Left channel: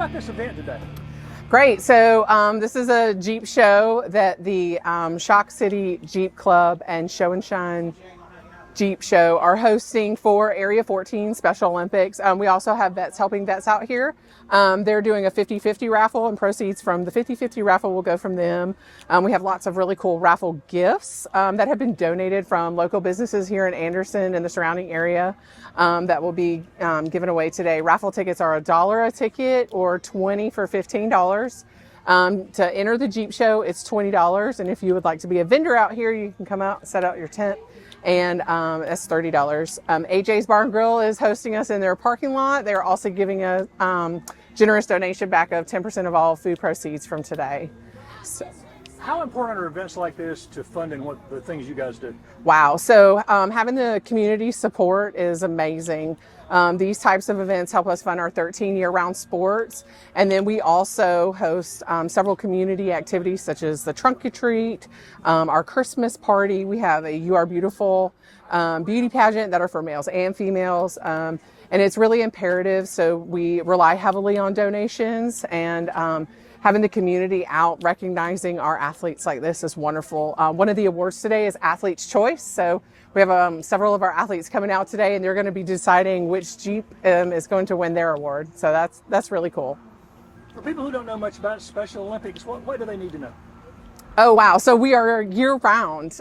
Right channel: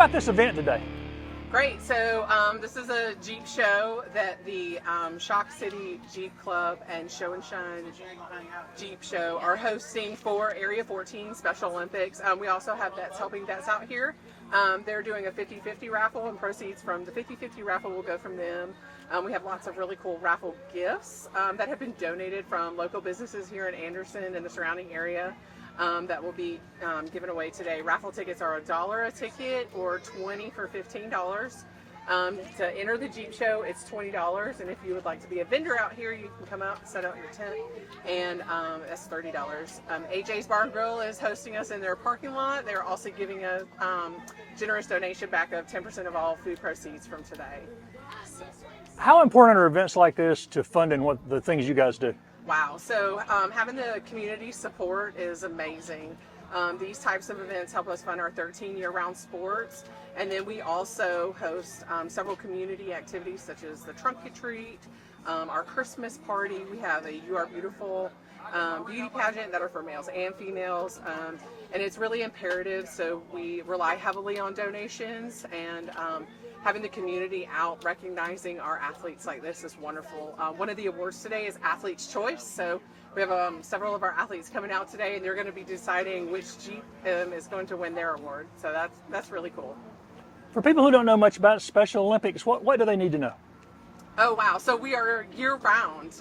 about this event today. Great. So this is a Jeep show that the Shock City Jeep Club and Show and Shine Jeep Show are hosting for Area 14 Special Olympics. We also have vets helping vets out here. They're doing a 50-50 raffle, and proceeds from the 50-50 raffle will go from them. We have lots of really cool raffle gifts that have been donated from local businesses here in Anderson and the surrounding area that will be given away today. Raffle tickets are $1 a ticket or $20 for $15. To enter the Jeep show, it's $20. And if you would like to be a vendor out here, you can come out, set out your tent, and that's $30. AJ's Bar and Grill is hosting us in their parking lot. They're also giving a generous donation back of 10% of all food proceeds from today. So, how important are events like this to funding what the things you guys do? wow. So having the community support is amazing. These types of events help us fund our 13 year-round sports. And then we also host several community activities such as the Trunk or Treat, our Christmas party. We have a You Are Beautiful beauty pageant that are for males and females. And it's really imperative. So we rely heavily on donations, and having the community out recognizing our athletes like this is wonderful. One of the awards today is Athlete's Choice. So we have several of our athletes coming out today, and they're going to be deciding which Jeep is going to win their award. So that's really cool. For people who don't know much about Special Olympics, what do they need to know? Oh, wow. So we are year-round.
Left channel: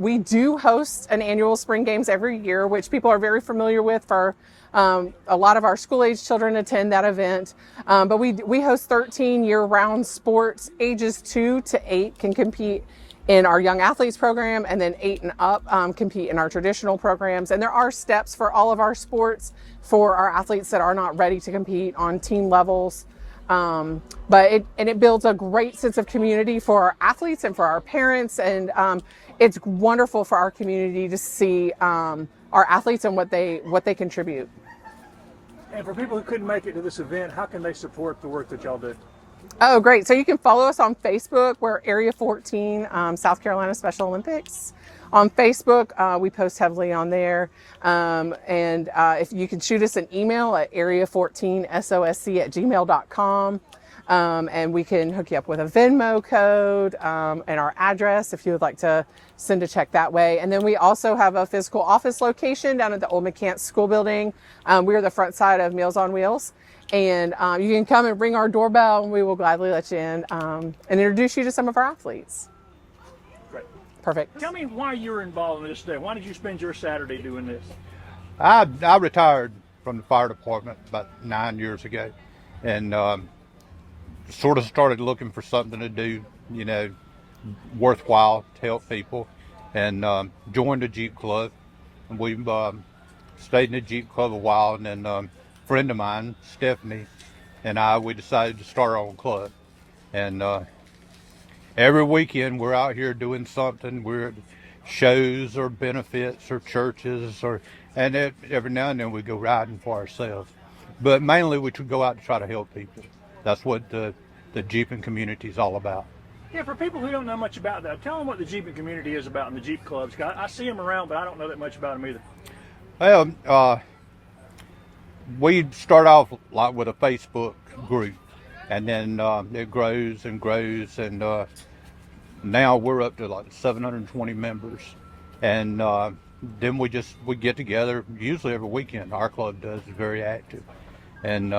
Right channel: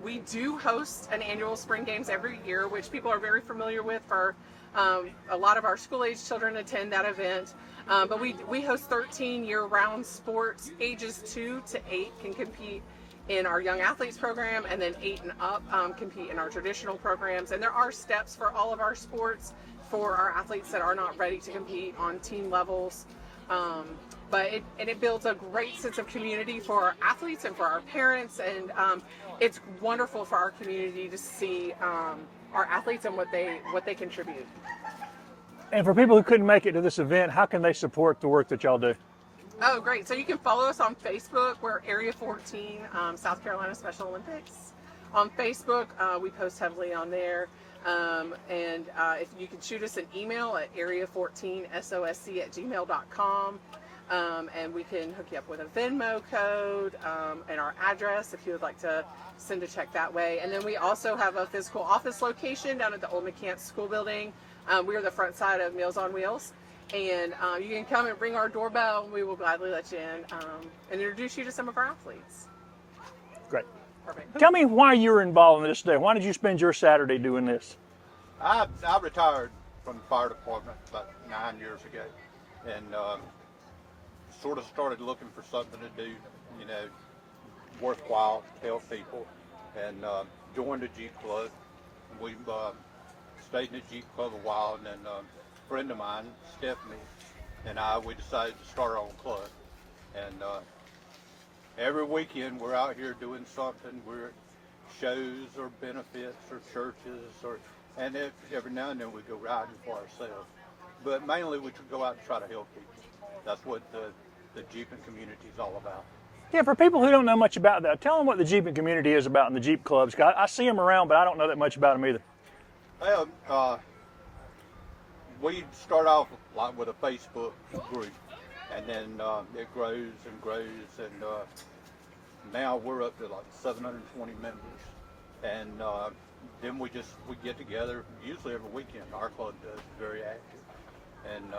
We do host an annual spring games every year, which people are very familiar with. For a lot of our school-age children attend that event. But we host 13 year-round sports. Ages 2 to 8 can compete in our Young Athletes program, and then 8 and up compete in our traditional programs. And there are steps for all of our sports for our athletes that are not ready to compete on team levels. But it builds a great sense of community for our athletes and for our parents. And it's wonderful for our community to see our athletes and what they contribute. And for people who couldn't make it to this event, how can they support the work that y'all do? Oh, great. So you can follow us on Facebook. We're Area 14 South Carolina Special Olympics. On Facebook, we post heavily on there. If you can shoot us an email at area14sosc@gmail.com. And we can hook you up with a Venmo code and our address if you would like to send a check that way. And then we also have a physical office location down at the old McCants School Building. We're the front side of Meals on Wheels. And you can come and ring our doorbell, and we will gladly let you in and introduce you to some of our athletes. Great. Perfect. Tell me why you're involved in this today. Why did you spend your Saturday doing this? I retired from the fire department about 9 years ago, and sort of started looking for something to do, worthwhile to help people, and joined the Jeep Club. And we've stayed in the Jeep Club a while, and then a friend of mine, Stephanie, and we decided to start our own club. And every weekend we're out here doing something. We're at shows or benefits or churches, and every now and then we go riding for ourselves. But mainly we go out to try to help people. That's what the Jeeping community is all about. Yeah, for people who don't know much about that, tell them what the Jeeping community is about in the Jeep clubs. I see them around, but I don't know that much about them either. Well, we start off like with a Facebook group, and then it grows and grows, and now we're up to like 720 members. And then we get together usually every weekend. Our club is very active, and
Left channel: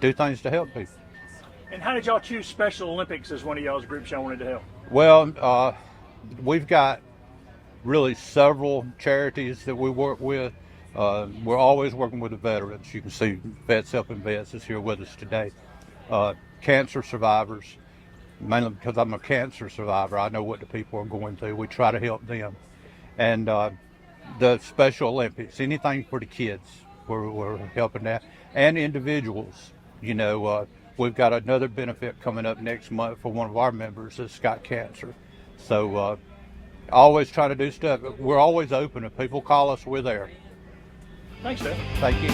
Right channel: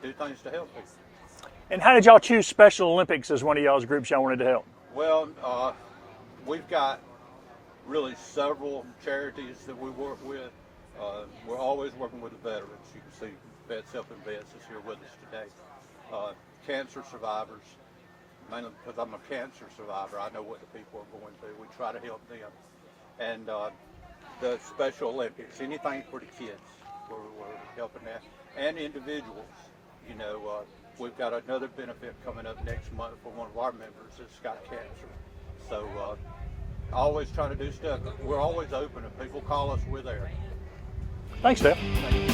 do things to help people. And how did y'all choose Special Olympics as one of y'all's groups y'all wanted to help? Well, we've got really several charities that we work with. We're always working with the veterans. You can see Vets Helping Vets is here with us today. Cancer survivors, mainly because I'm a cancer survivor. I know what the people are going through. We try to help them. And the Special Olympics, anything for the kids, we're helping that. And individuals, we've got another benefit coming up next month for one of our members that's got cancer. So always trying to do stuff. We're always open. If people call us, we're there. Thanks, Dale. Thank you.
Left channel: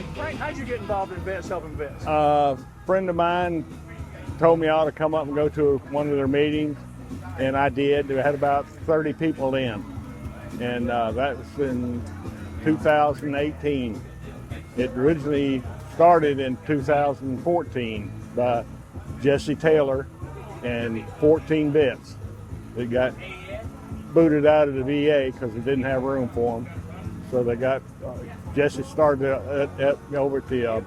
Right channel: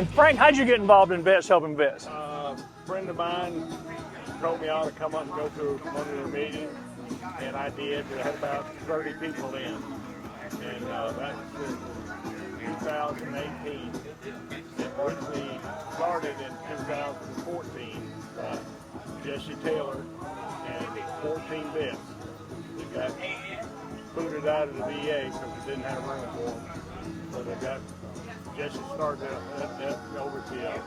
And Frank, how'd you get involved in Vets Helping Vets? A friend of mine told me I ought to come up and go to one of their meetings, and I did. They had about 30 people in, and that was in 2018. It originally started in 2014 by Jesse Taylor and 14 vets that got booted out of the VA because they didn't have room for them. So they got, Jesse started over at the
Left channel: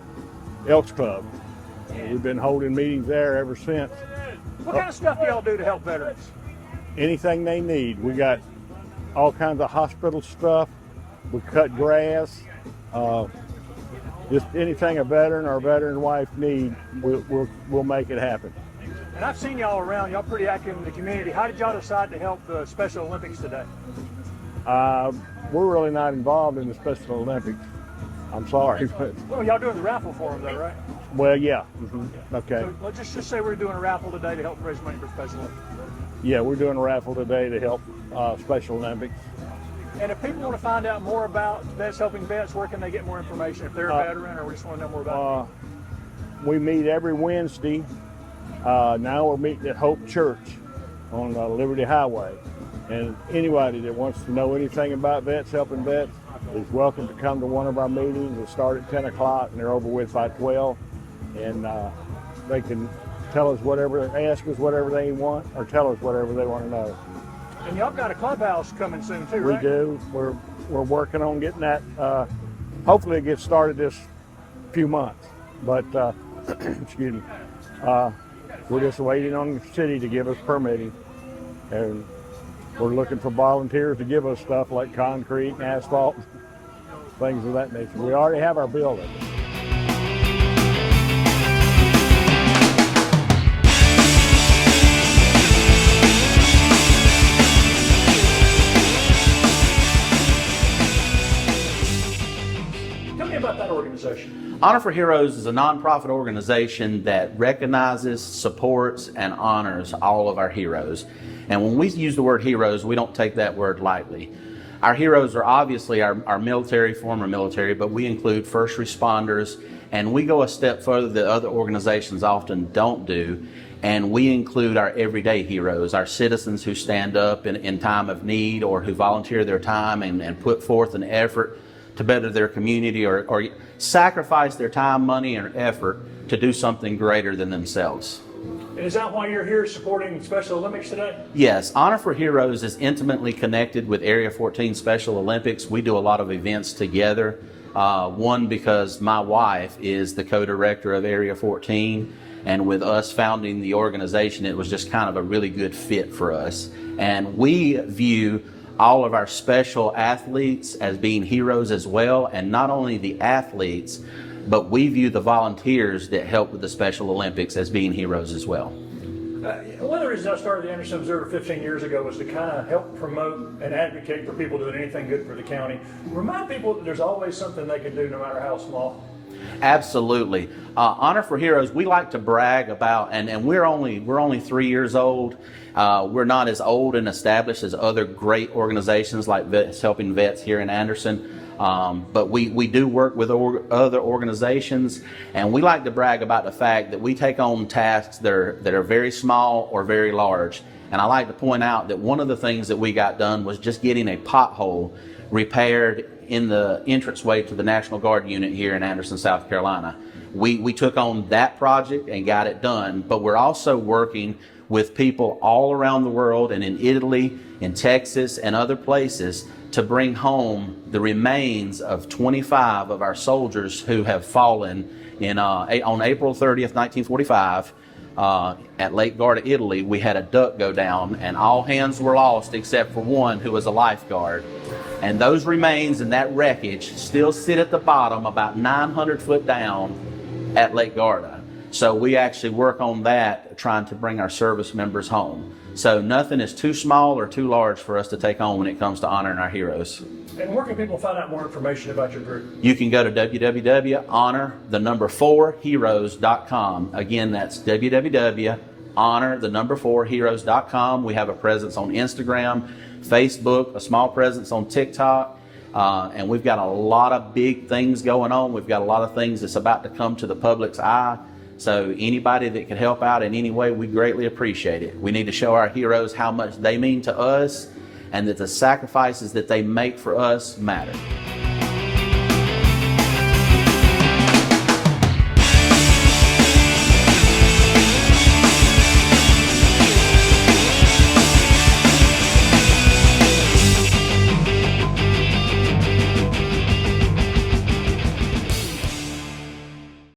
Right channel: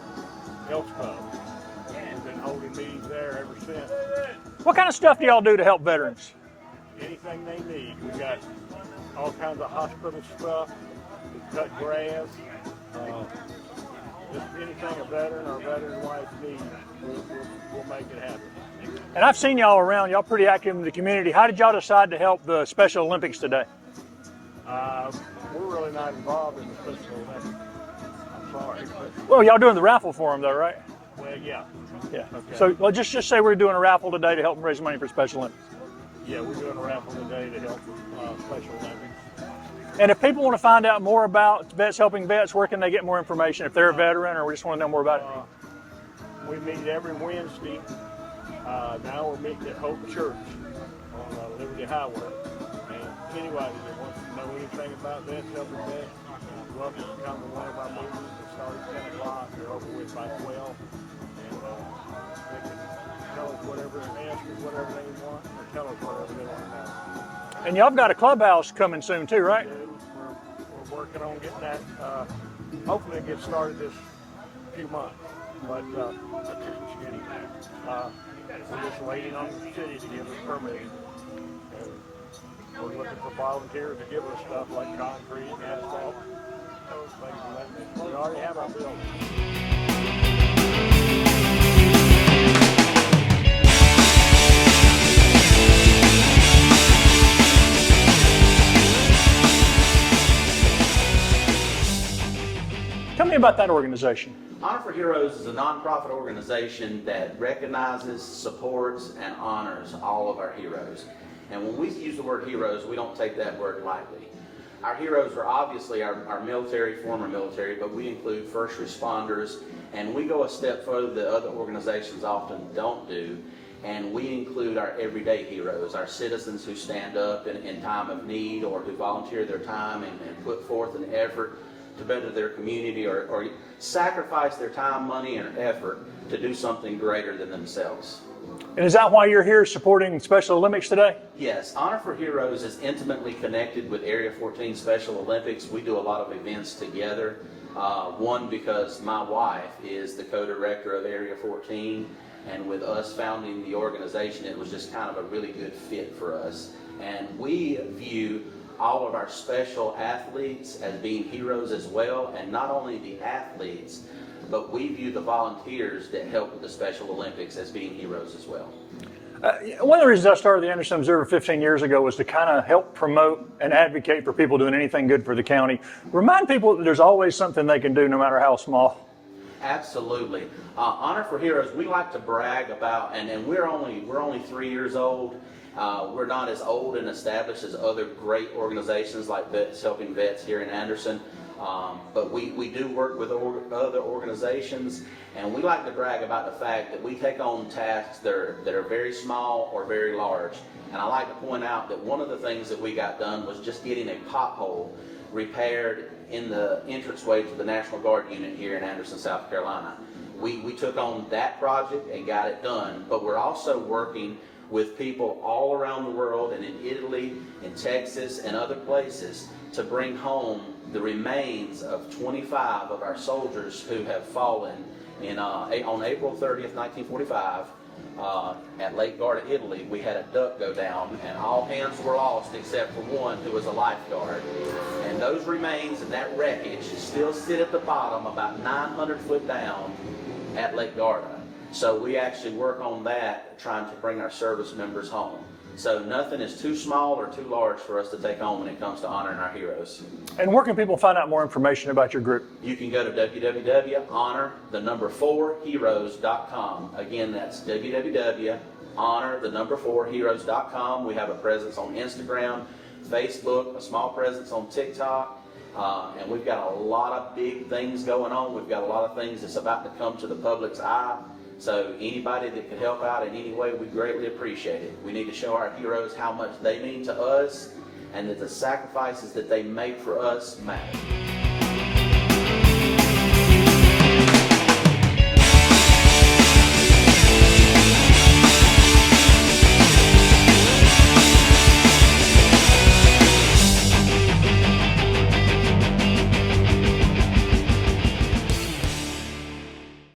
Elks Club. We've been holding meetings there ever since. What kind of stuff do y'all do to help veterans? Anything they need. We got all kinds of hospital stuff. We cut grass. Just anything a veteran or a veteran wife need, we'll make it happen. And I've seen y'all around. Y'all pretty active in the community. How did y'all decide to help the Special Olympics today? We're really not involved in the Special Olympics. I'm sorry. But, Well, y'all doing the raffle for them though, right? well, yeah. Yeah. Okay. So well, just say we're doing a raffle today to help raise money for Special Olympics. Yeah, we're doing a raffle today to help Special Olympics. And if people want to find out more about Vets Helping Vets, where can they get more information? If they're a veteran or we just want to know more about it? We meet every Wednesday. Now we're meeting at Hope Church on Liberty Highway. And anybody that wants to know anything about Vets Helping Vets is welcome to come to one of our meetings that start at 10 o'clock and they're over with by 12. And they can tell us whatever, ask us whatever they want or tell us whatever they want to know. And y'all got a clubhouse coming soon too, right? We do. We're working on getting that. Hopefully it gets started this few months. But excuse me. We're just waiting on the city to give us permitting. And we're looking for volunteers to give us stuff like concrete and asphalt, things of that nature. We already have our building. Tell me about that organization. Honor for Heroes is a nonprofit organization that recognizes, supports, and honors all of our heroes. And when we use the word heroes, we don't take that word lightly. Our heroes are obviously our military, former military, but we include first responders, and we go a step further that other organizations often don't do, and we include our everyday heroes, our citizens who stand up in time of need or who volunteer their time and put forth an effort to better their community or sacrifice their time, money, and effort to do something greater than themselves. And is that why you're here supporting Special Olympics today? Yes, Honor for Heroes is intimately connected with Area 14 Special Olympics. We do a lot of events together. One, because my wife is the co-director of Area 14, and with us founding the organization, it was just kind of a really good fit for us. And we view all of our special athletes as being heroes as well, and not only the athletes, but we view the volunteers that help with the Special Olympics as being heroes as well. One of the reasons I started the Anderson Observer 15 years ago was to kind of help promote and advocate for people doing anything good for the county. Remind people that there's always something they can do no matter how small. Absolutely. Honor for Heroes, we like to brag about, and we're only 3 years old. We're not as old and established as other great organizations like Vets Helping Vets here in Anderson. But we do work with other organizations, and we like to brag about the fact that we take on tasks that are very small or very large. And I like to point out that one of the things that we got done was just getting a pothole repaired in the entranceway to the National Guard unit here in Anderson, South Carolina. We took on that project and got it done, but we're also working with people all around the world and in Italy, in Texas, and other places to bring home the remains of 25 of our soldiers who have fallen on April 30th, 1945, at Lake Garda, Italy. We had a duck go down, and all hands were lost except for one who was a lifeguard. And those remains and that wreckage still sit at the bottom, about 900 foot down at Lake Garda. So we actually work on that, trying to bring our service members home. So nothing is too small or too large for us to take on when it comes to honoring our heroes. And where can people find out more information about your group? You can go to www.honor4heroes.com. Again, that's www.honor4heroes.com. We have a presence on Instagram, Facebook, a small presence on TikTok, And we've got a lot of big things going on. We've got a lot of things that's about to come to the public's eye. So anybody that can help out in any way, we greatly appreciate it. We need to show our heroes how much they mean to us and that the sacrifices that they make for us matter.